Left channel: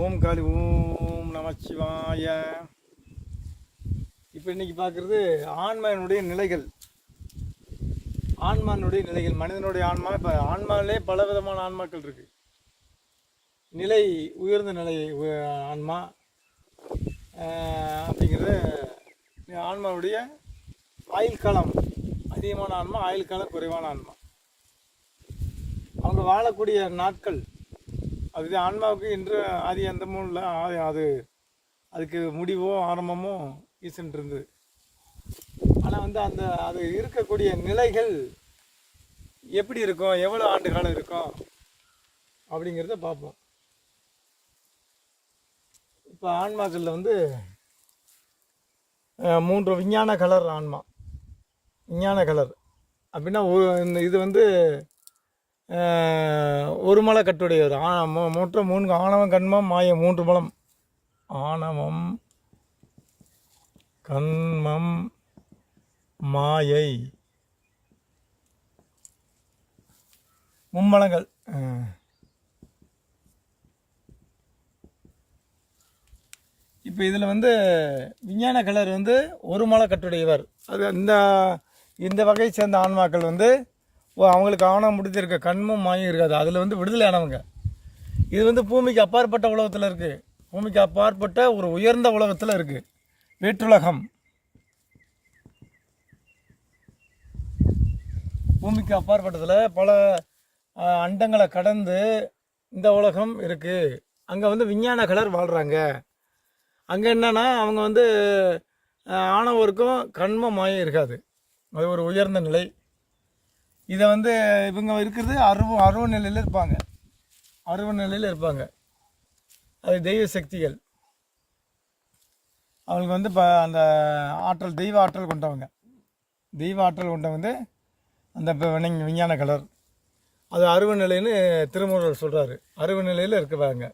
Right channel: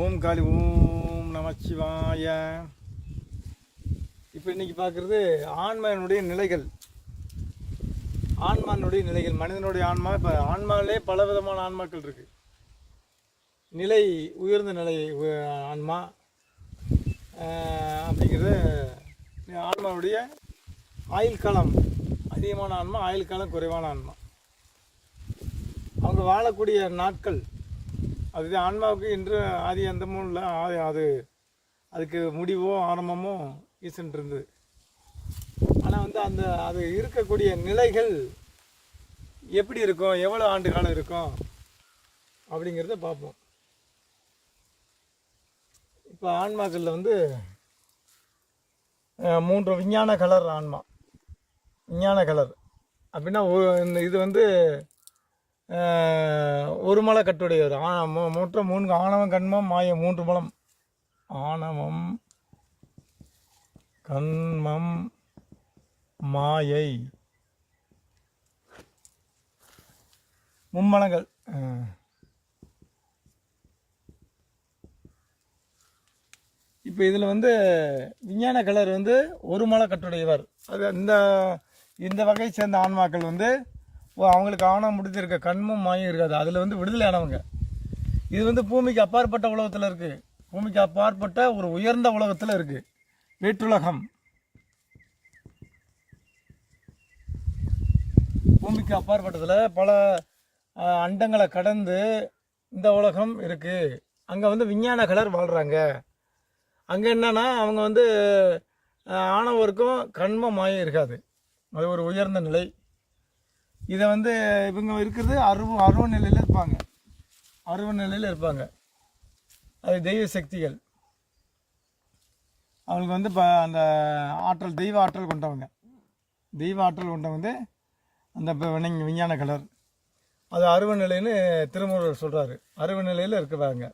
ஓம் காளி ஓம் நமச்சிவாய. இப்போ இன்றைக்கி பார்க்குறது ஆன்மாவினுடைய நிலைகள். மனிதனுடைய ஆன்மா. இப்போ ஆன்மாவிலே பல விதமான ஆன்மாக்கள் இருக்குது. நிலை உயர்ந்த நிலை ஆன்மா அப்படிங்கிறது ஆன்மாவுடைய ஆயுள் காலம் அதிகமான ஆன்மா, ஆயுள் காலம் குறைவான ஆன்மா. அவங்க வாழக்கூடிய நாட்கள் அது ஆன்மாவுக்கு இன்று ஆதி அந்தமும் இல்லை. அதுக்கு முடிவோ ஆரம்பமோ ஈசன் இருந்தது. ஆனால் அது இருக்கக்கூடிய நிலைகள் எப்படி இருக்கும், எவ்வளோ ஆண்டு காலம் இருக்கும் அப்படிங்கிறத பார்ப்போம். இப்போ ஆன்மாக்களில் 3 விஞ்ஞான கலர் ஆன்மா. விஞ்ஞான கலர் அப்படின்னா இது ஒரு மலை கட்டுடையவர். மூன்று 3 ஆணவம் கண்மம் மாய 3 மலம். ஆணவம் கண்மம் மாயை மும்மலங்கள். இப்போ இதில் விஞ்ஞான கலர் ஒரு மலை கட்டுடையவர். அது இந்த வகையை சேர்ந்த ஆன்மாக்கள் அவங்களுக்கு ஆணவம் முடிஞ்சிருக்க கண்மும் மாயும் இருக்காது. அதில் விடுதலை ஆனவங்க. இது பூமிக்கு அப்பாற்பட்ட உலகத்தில் இருக்குது. பூமிக்கு அப்பாற்பட்ட ஒரு உயர்ந்த உலகத்தில் இருக்குது, வேற்றுலகம். பூமிக்கு அப்பாற்பட்டதில் பல அண்டங்களை கடந்து இந்த உலகம் இருக்குது. அங்கே விஞ்ஞான கலர் வாழ்கிறாங்க. அங்கே என்னன்னா அவங்க ஆணவருக்கும் கண்ம மாயம் இருக்காது. அது ஒரு உயர்ந்த நிலை. இதை இவங்க இருக்கிறது அருவ நிலையில் இருப்பாங்க. அது தெய்வ சக்திகள். அவங்களுக்கு இப்போ அந்த ஆற்றல், தெய்வ ஆற்றல் கொண்டவங்க. அந்த விஞ்ஞான கலர் அது அருவ நிலைன்னு திருமூலர் சொல்கிறாரு. அருவ நிலையில் இருக்கிறாங்க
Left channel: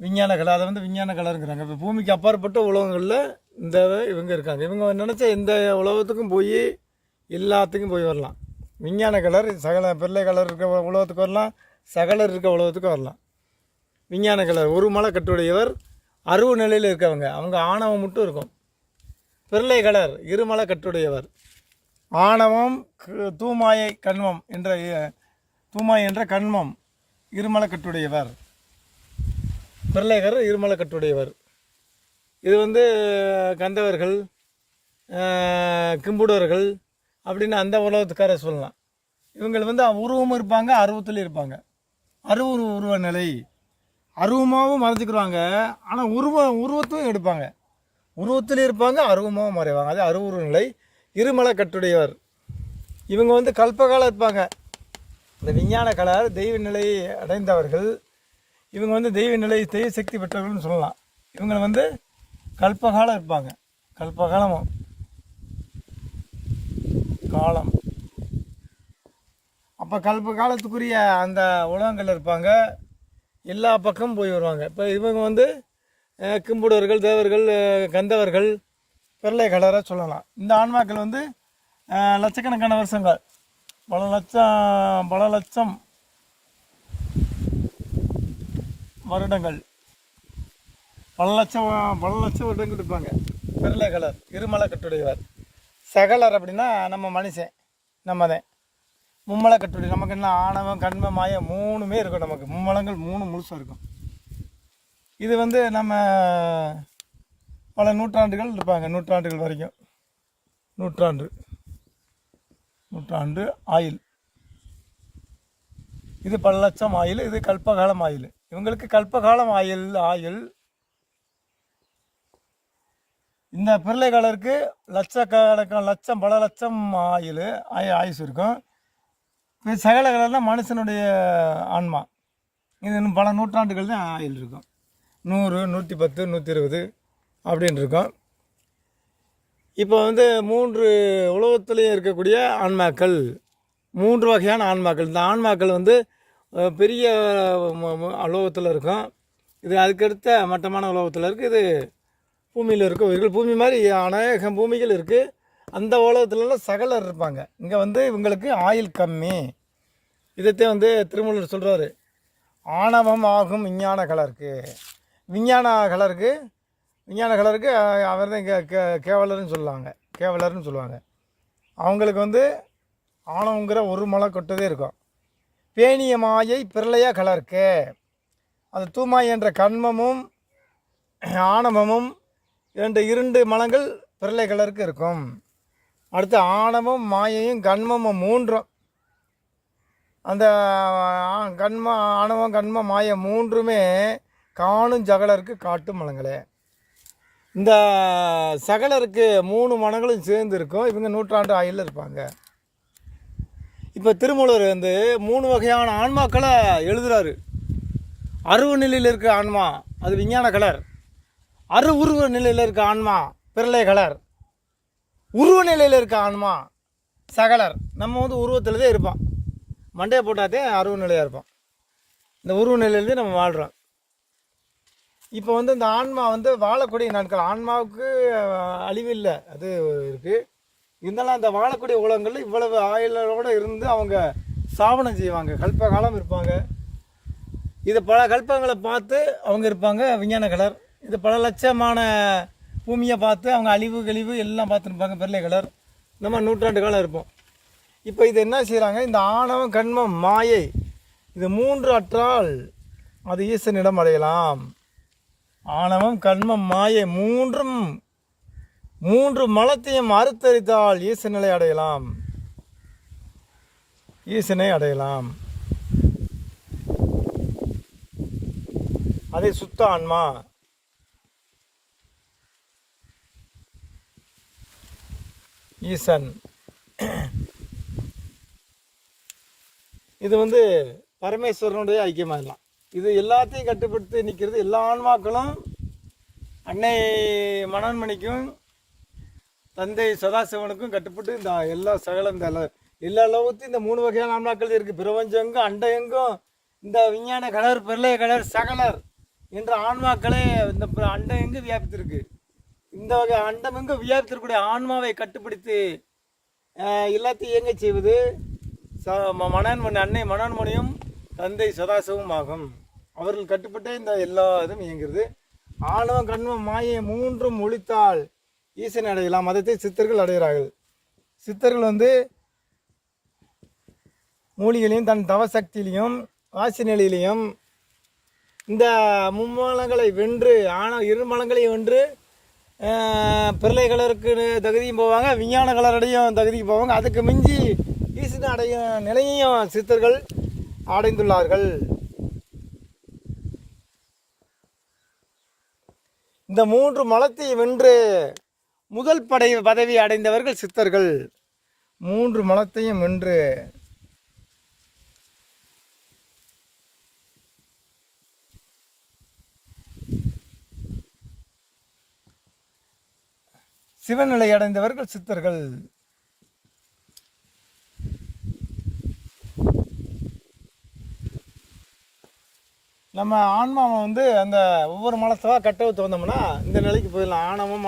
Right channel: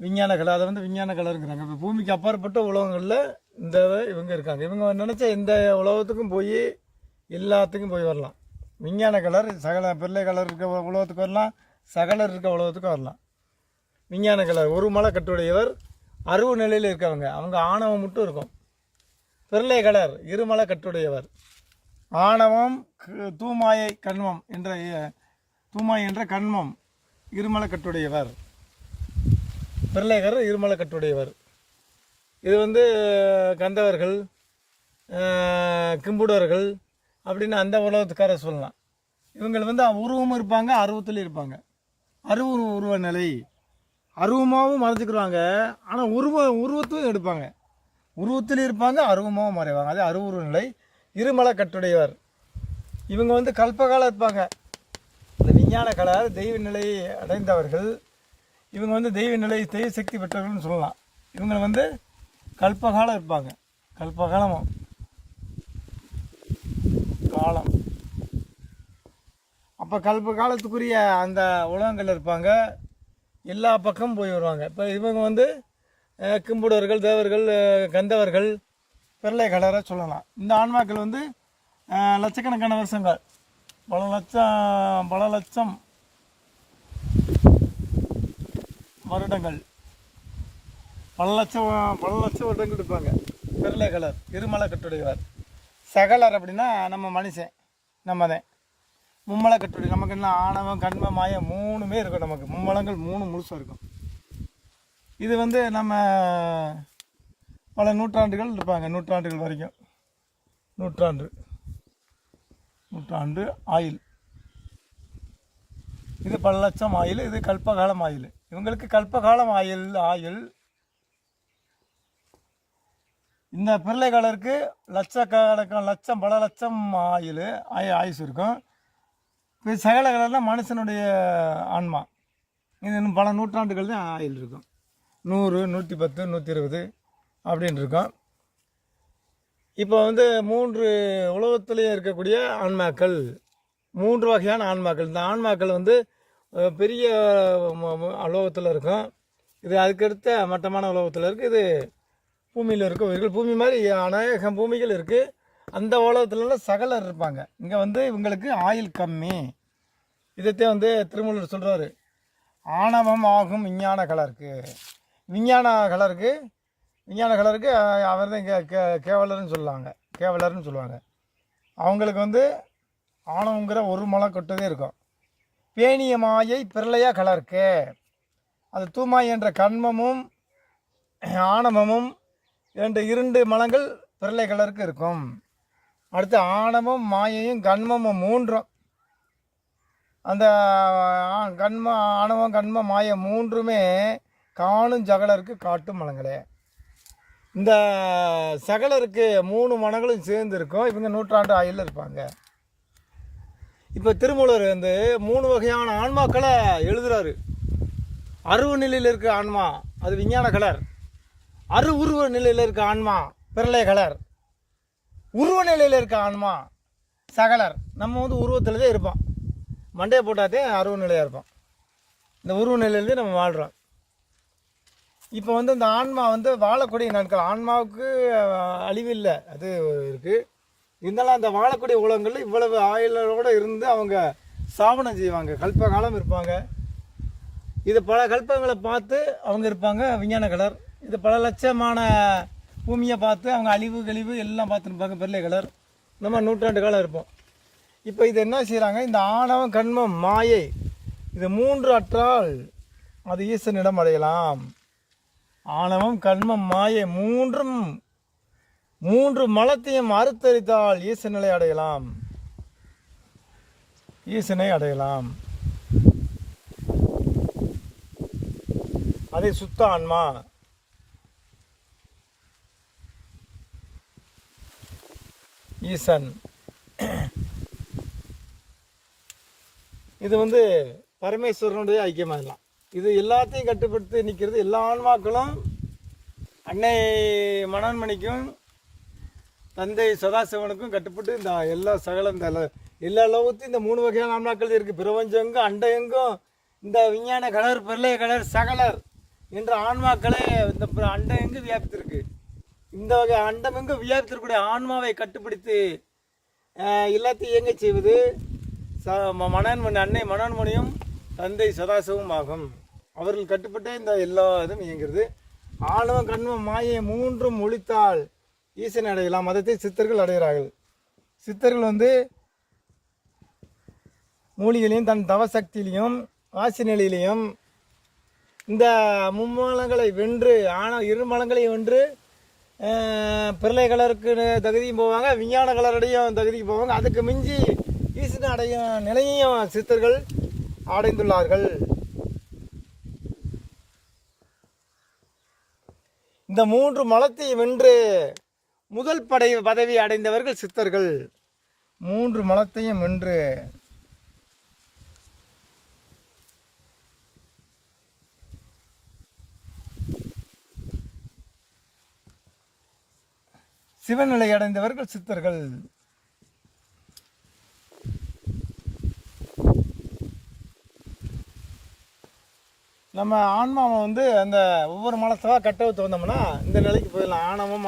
விஞ்ஞான கலர். அதை விஞ்ஞான கலருங்கிறாங்க. இப்போ பூமிக்கு அப்பாற்பட்ட உலகங்களில் இவங்க இருக்காங்க. இவங்க நினச்ச எந்த உலகத்துக்கும் போய் எல்லாத்துக்கும் போய் வரலாம். விஞ்ஞான கலர் சகல பிள்ளை கலர் இருக்க உலகத்துக்கு வரலாம், சகலர் இருக்க உலகத்துக்கு வரலாம். விஞ்ஞான கலர் ஒரு மலை கட்டுடையவர், அருவ நிலையில் இருக்கவங்க. அவங்க ஆணவம் மட்டும் இருக்கும். பிள்ளை கலர் இருமலை கட்டுடையவர். ஆணவம் தூமாயை கண்மம் தூமாய் என்ற கண்மம் இருமலை கட்டுடையவர். பிள்ளை கலர் இருமலை கட்டுடையவர். இது கந்தவர்கள், கிம்புடர்கள் அப்படின்னு அந்த உலகத்துக்கார சொல்லலாம். இவங்க உருவமும் இருப்பாங்க, அருவத்திலும் இருப்பாங்க. உருவ நிலை. அருவமாகவும் மறைஞ்சிக்கிறாங்க, ஆனால் உருவத்தையும் எடுப்பாங்க. உருவத்திலும் இருப்பாங்க, அருவமாகவும் மறைவாங்க. அது அருவுருவ நிலை. இருமலை கட்டுடையவர். இவங்க கல்பகாலம் இருப்பாங்க. இந்த விஞ்ஞான கலர் தெய்வ நிலையை அடைந்தவர்கள். இவங்க தெய்வ நிலை, தெய்வ சக்தி பெற்றவர்கள்னு சொல்லலாம். இவங்க கல்பகாலம் இருப்பாங்க. கல்பகாலமும் காலம். அப்போ கல்ப காலத்துக்குரிய அந்த உலகங்கள் இருப்பாங்க. எல்லா பக்கமும் போய் வருவாங்க. இப்போ இவங்க கிம்புடர்கள், தேவர்கள், கந்தவர்கள், பிள்ளை கலராக சொல்லலாம். இந்த ஆன்மாக்கள் லட்சக்கணக்கான வருஷங்கள், பல லட்சம் வருடங்கள், பல லட்சம் வருடங்கள் இருப்பாங்க. பிள்ளை கலர் இருமலை கட்டுடையவர். சகலர் அப்படின்னா நம்ம மனுஷன், நம்ம தான். மும்மலை கட்டுரை. நமக்கு என்ன ஆணவம் கண்ம மாயம் 3மே இருக்கும். நமக்கு மும்மலங்கள் 3 முழுசாக இருக்கும். இது நம்ம பல நூற்றாண்டுகள் இருப்பாங்க. நூற்றாண்டுகள் வரைக்கும். நூற்றாண்டு ஆயுள். இது பல லட்சம் ஆயுள். இது கல்பகாலம் ஆயுள். இவங்களுக்கு கல்பகாலம் ஆயுள். இந்த பிள்ளை கலருக்கு லட்சக்கணக்கான பல லட்சம் ஆயுசு இருக்கும். இப்போ சகல கலர்லாம் மனுஷனுடைய ஆன்மா. இது இன்னும் பல நூற்றாண்டுகள் தான் ஆயுள் இருக்கும். 100, 110, 120 அப்படின்னு இருக்கும். இப்போ 3 உலகத்துலேயும் இருக்கக்கூடிய ஆன்மாக்கள், 3 வகையான ஆன்மாக்கள். இந்த ஆன்மாக்கள் பெரிய உலகத்தில் இருக்கும். இது அதுக்கடுத்த மட்டமான உலகத்தில் இருக்குது. இது பூமியில் இருக்க உயிர்கள். பூமி மாதிரி அநேகம் பூமிகள் இருக்குது. அந்த உலகத்துலலாம் சகலர் இருப்பாங்க. இங்கே இவங்களுக்கு ஆயுள் கம்மி. இதைத்தான் திருமூலர் சொல்கிறாரு. ஆணவம் ஆகும் விஞ்ஞான கலருக்கு. விஞ்ஞான கலருக்கு அவர் தான் கேவலர்னு சொல்லுவாங்க. அவங்களுக்கு வந்து ஆணவங்கிற ஒரு மலை கொட்டதே இருக்கும். பேணிய மாயை பிரளய கலருக்கு, அது தூமாய் என்ற கண்மமும் ஆணவமும் என்ற 2 மலங்கள் பிரளய கலருக்கு இருக்கும். அடுத்து ஆணவம் மாயையும் கண்மமும் 3ம், அந்த ஆணவம் கண்மம் மாய 3மே காணும் ஜகலருக்கு காட்டும் மலங்களே. இந்த சகலருக்கு 3 மனங்களும் சேர்ந்து இருக்கும். இவங்க நூற்றாண்டு ஆயுளில் இருப்பாங்க. இப்போ திருமூலர் வந்து 3 வகையான ஆன்மாக்களை எழுதுகிறாரு. அருவ நிலையில் இருக்க ஆன்மா அது விஞ்ஞான கலர், உருவ நிலையில் இருக்க ஆன்மா பிரளய கலர், உருவ நிலையில் இருக்க ஆன்மா சகலர். நம்ம வந்து உருவத்தில் தான் இருப்போம், மண்டையை போட்டாதே அருவ நிலையாக இருப்போம். இந்த உருவ நிலையிலேருந்து நம்ம வாழ்கிறோம். இப்போ வந்து இந்த ஆன்மா வந்து வாழக்கூடிய நாட்கள், ஆன்மாவுக்கு அழிவில்லை, அது இருக்குது. இருந்தாலும் அந்த வாழக்கூடிய உலகங்களில் இவ்வளவு ஆயுளோடு இருந்து அவங்க சாவனம் செய்வாங்க, கல்ப காலம் இருப்பாங்க. இது பல கல்பங்களை பார்த்து அவங்க இருப்பாங்க விஞ்ஞான கலர். இது பல லட்சமான பூமியை பார்த்து அவங்க அழிவு கழிவு எல்லாம் பார்த்துருப்பாங்க பிரளய கலர். நம்ம நூற்றாண்டு காலம் இருப்போம். இப்போ இது என்ன செய்கிறாங்க, இந்த ஆணவம் கண்மம் மாயை இது 3 அற்றால் அது ஈசனிடம் அடையலாம். ஆணவம் கண்மம் மாயை 3 மலத்தையும் அறுத்தறித்தால் ஈசனை அடையலாம். அதை சுத்த ஆன்மா. ஈசன் இது வந்து பரமேஸ்வரனுடைய ஐக்கியமாகலாம். இது எல்லாத்தையும் கட்டுப்படுத்தி நிற்கிறது. எல்லா ஆன்மாக்களும் அன்னை மனோன்மணிக்கும் தந்தை சதாசிவனுக்கும் கட்டுப்பட்டு இந்த எல்லா சகலம் எல்லா லோகத்தையும் இந்த 3 வகையான ஆன்மாக்கள் இருக்குது. பிரபஞ்சங்கும் அண்ட எங்கும் இந்த விஞ்ஞான கலர் பிரளய கலர் சகலர் என்ற ஆன்மாக்களே இந்த அண்டம் எங்கு வியாபித்திருக்கு. இந்த வகை அண்டம் எங்கு வியாபித்திருக்கக்கூடிய ஆன்மாவை கட்டுப்படுத்தி எல்லாத்தையும் இயங்க செய்வது மனோன்மணி, அன்னை மனோன்மணியும் தந்தை சதாசிவம் ஆகும். அவர்கள் கட்டுப்பட்டே இந்த எல்லா இதுவும் இயங்குகிறது. ஆணவம் கண்மம் மாயை 3ம் ஒழித்தால் ஈசனை அடையலாம். மதத்தை சித்தர்கள் அடைகிறார்கள். சித்தர்கள் வந்து மூலிகளையும் தன் தவசக்தியிலையும் ஆசி நிலையிலையும் இந்த மும்மலங்களை வென்று 2 மலங்களையும் வென்று பிரளய கலருக்கு தகுதியும் போவாங்க, விஞ்ஞான கலரடையும் தகுதிக்கு போவாங்க. அதுக்கு மிஞ்சி ஈசனை அடையும் நிலையையும் சித்தர்கள் அடைந்துள்ளார்கள். இந்த 3 மலத்தை வென்று முதல் பதவி அடைந்தவர்கள் சித்தர்கள். 3 மலத்தையும் வென்று சிவநிலை அடைந்தவர்கள் சித்தர்கள். நம்ம ஆன்மாவை வந்து அந்த ஒவ்வொரு மலத்தவா கட்டவுத்து வந்தோம்னா இந்த நிலைக்கு போயிடலாம். ஆணவம்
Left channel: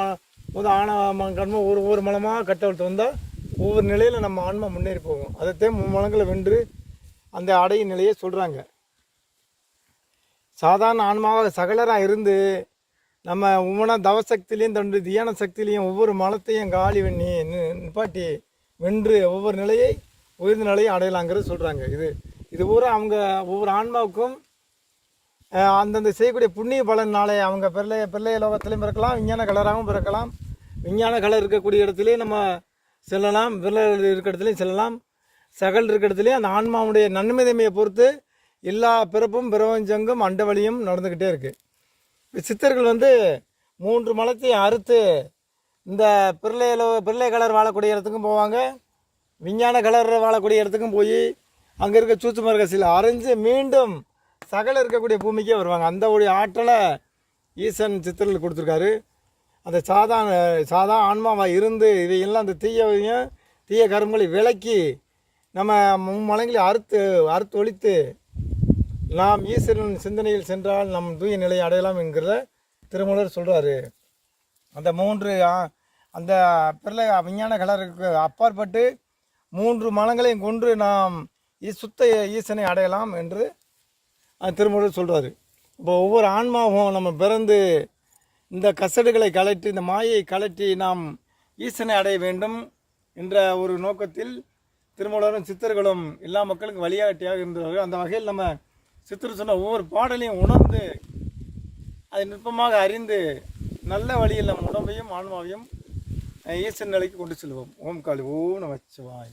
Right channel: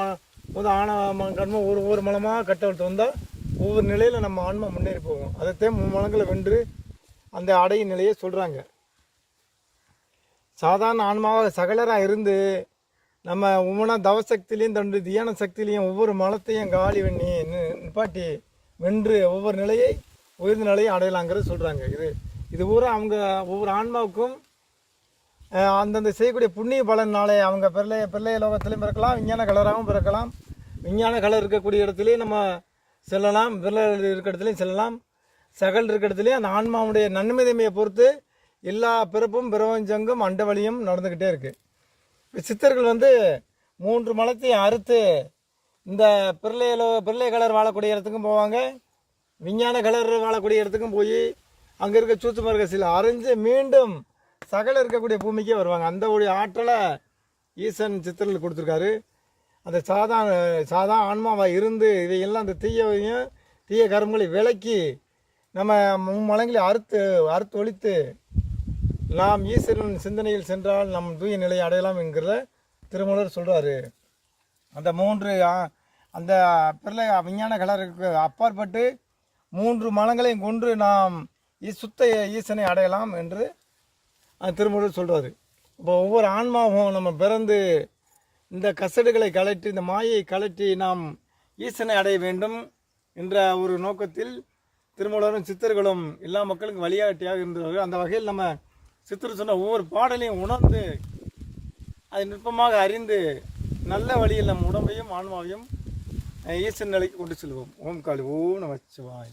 கண்மம் ஒவ்வொரு மலமாக கட்டவுத்து வந்தால் ஒவ்வொரு நிலையில் நம்ம ஆன்மா முன்னேறி போகும். அதைத்தான் 3 மலங்களை வென்று அந்த அடையும் நிலையை சொல்கிறாங்க. சாதாரண ஆன்மாவாக சகலராக இருந்து நம்ம தவசக்திலையும் தண்டு தியான சக்தியிலையும் ஒவ்வொரு மலத்தையும் காலி பண்ணி நிப்பாட்டி வென்று ஒவ்வொரு நிலையை உயர்ந்த நிலையை அடையலாங்கிறது சொல்கிறாங்க. இது பூரா அவங்க ஒவ்வொரு ஆன்மாவுக்கும் அந்தந்த செய்யக்கூடிய புண்ணிய பலனாலே அவங்க பிள்ளைய லோகத்திலையும் பிறக்கலாம், விஞ்ஞான கலராகவும் பிறக்கலாம். விஞ்ஞான கலர் இருக்கக்கூடிய இடத்துலையும் நம்ம செல்லலாம், பிள்ளை இருக்கிற இடத்துலையும் செல்லலாம், சகல் இருக்கிற இடத்துலையும் அந்த ஆன்மாவுடைய நன்மைதமையை பொறுத்து எல்லா பிறப்பும் பிரபஞ்சங்கும் அண்டவழியும் நடந்துக்கிட்டே இருக்குது. சித்தர்கள் வந்து 3 மலத்தையும் அறுத்து இந்த பிள்ளை கலர் வாழக்கூடிய இடத்துக்கும் போவாங்க, விஞ்ஞான கலர் வாழக்கூடிய இடத்துக்கும் போய் அங்கே இருக்க சூட்சும ரகசியில் அரைஞ்சு மீண்டும் சகல இருக்கக்கூடிய பூமிக்கே வருவாங்க. அந்த ஒரு ஆற்றலை ஈசன் சித்தர்கள் கொடுத்துருக்காரு. அந்த சாதா ஆன்மாவாக இருந்து இதையெல்லாம் அந்த தீய கருமங்களை விலக்கி நம்ம மும்மலங்களை அறுத்து ஒழித்து நாம் ஈஸ்வரன் சிந்தனையில் சென்றால் நம் தூய நிலையை அடையலாம் என்கிற திருமூலர் சொல்கிறாரு. அந்த 3 அந்த பிள்ளை விஞ்ஞான கலருக்கு அப்பாற்பட்டு 3 மலங்களையும் கொன்று நாம் சுத்த ஈசனை அடையலாம் என்று திருமூலர் சொல்கிறாரு. இப்போ ஒவ்வொரு ஆன்மாவும் நம்ம பிறந்து இந்த கசடுகளை கலட்டி, இந்த மாயை கலட்டி நாம் ஈசனை அடைய வேண்டும் என்ற ஒரு நோக்கத்தில் திருமூலரும் சித்தர்களும் எல்லா மக்களுக்கும் வழிகாட்டியாக இருந்தவர்கள். அந்த வகையில் நம்ம சித்தர் சொன்ன ஒவ்வொரு பாடலையும் உணர்ந்து அதை நுட்பமாக அறிந்து நல்ல வழியில் நம் உடம்பையும் ஆன்மாவையும் ஈசன் நிலைக்கு கொண்டு செல்வோம். ஓம் காளி ஓம் நமச்சிவாய.